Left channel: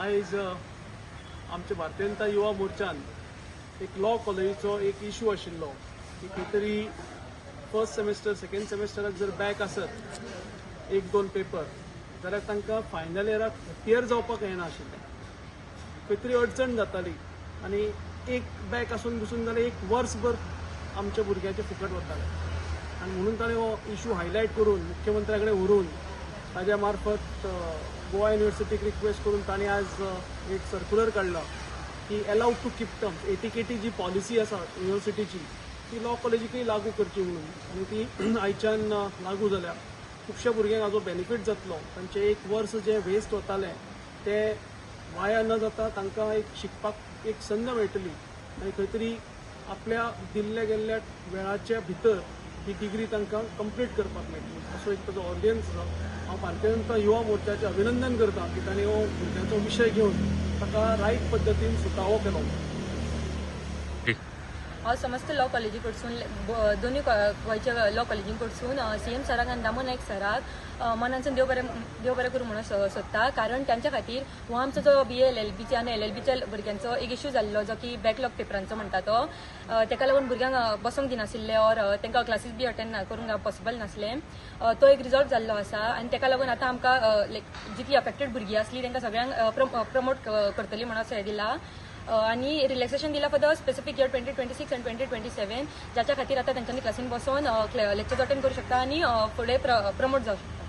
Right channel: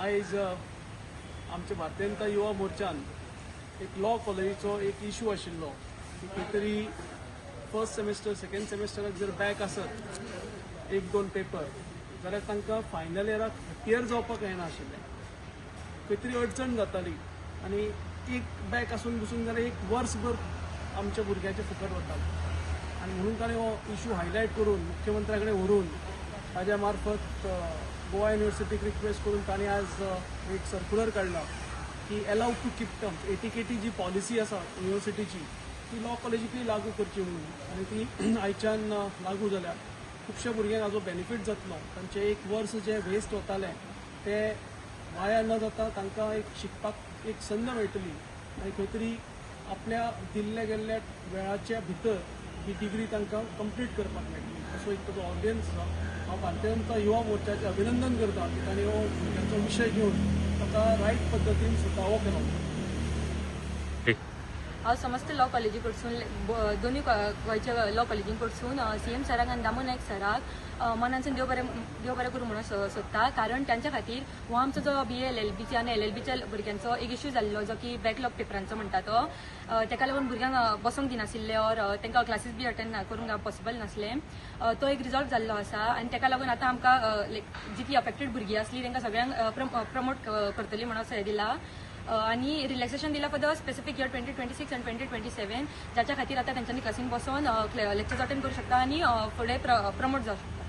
आयज आमच्या भारतीय जनता युवा मोर्चान एक लॉ कॉलेजीचो एक इश्यू आशिल्लो की खंय तरी फर्स्ट सेमेस्टर सेकंड सेमेस्टराक जर बॅक आसत एक दोन पेपर जाल्यार तांकां फायनल इयराक क्लियर जावपाक येना आशिल्लें. खंय तरी अडचण जाताली आनी एक बॅक आसून बसून जाल्यार एक वर्सभर आमच्या भुरग्याचे फुकट वताले आनी म्हणून ताणें हो इश्यू हायलायट करून मुख्यमंत्र्या कडेन व्हरून ताज्या मार्फत गोवा युनिव्हर्सिटीक रिक्वेस्ट करून तांणी आज एक सर्क्युलर काडला की allowed to keep term ATKT जी पॉलिसी आसा युनिव्हर्सिटीची ती लॉ कॉलेजीकय लागू करची म्हणून आनी ती आयच्यान लागू जाल्यार खुबश्या भुरग्यांक हाजो बेनिफीट जातलो. तांचें एक वर्स जे वेस्ट वतालें ते वाया न जाता तांकां एक शिकपाक एक संद मेळटली आनी खंय तरी आपल्या दिल्ल्या गेल्ल्या वेळाच्या भितर ही डिग्री तांकां कंप्लीट करपाक मेळटली. असो एक ताजो ऑडियन्स आसा. हांव भारतीय जनता युवा मोर्चाचें अभिनंदन करता की तांणी हो भुरग्यांचो विशय घेवन ताका रायट पद्दतीन सुटावो केलो. हांव समस्त लॉ कॉलेजी कडसून दोनूय गोंयच्या लॉ कॉलेजी कडसून सीएम सराक आनी दामो नायक सराक मनांसून देव बरें करूं म्हणून सोदता. कारण तांचे खातीर हो आमचो जो BA LLBच्या आनी LLBच्या भुरग्यांचो एक इश्यू जाल्लो जो की बॅकलॉग पेपरांचो म्हणटा तो, ताका लागून भुरग्यांक बसोंक दिनाशिल्ले और तांकां क्लासीस बी अटेंड करूंक पॉसिबल नासलें. तो एक रिजॉल्ट जाल्लो आसा आनी ताका लागून आतां आमकां जितली अफेक्टेड भुरगीं आसलीं तांकां सगळ्यांक प्रमोट करतली म्हणून असो हें दिला. आणि रिलॅक्सेशन दिला फॉर द स्पेसिफिक इयर 2026 आणि 2027 ज्याच्या खातीर आता त्यांच्यानी क्लासीन बसून लेक्चर्स अटेंड करू शकता आणि फुडें प्रमोट जावं शकता.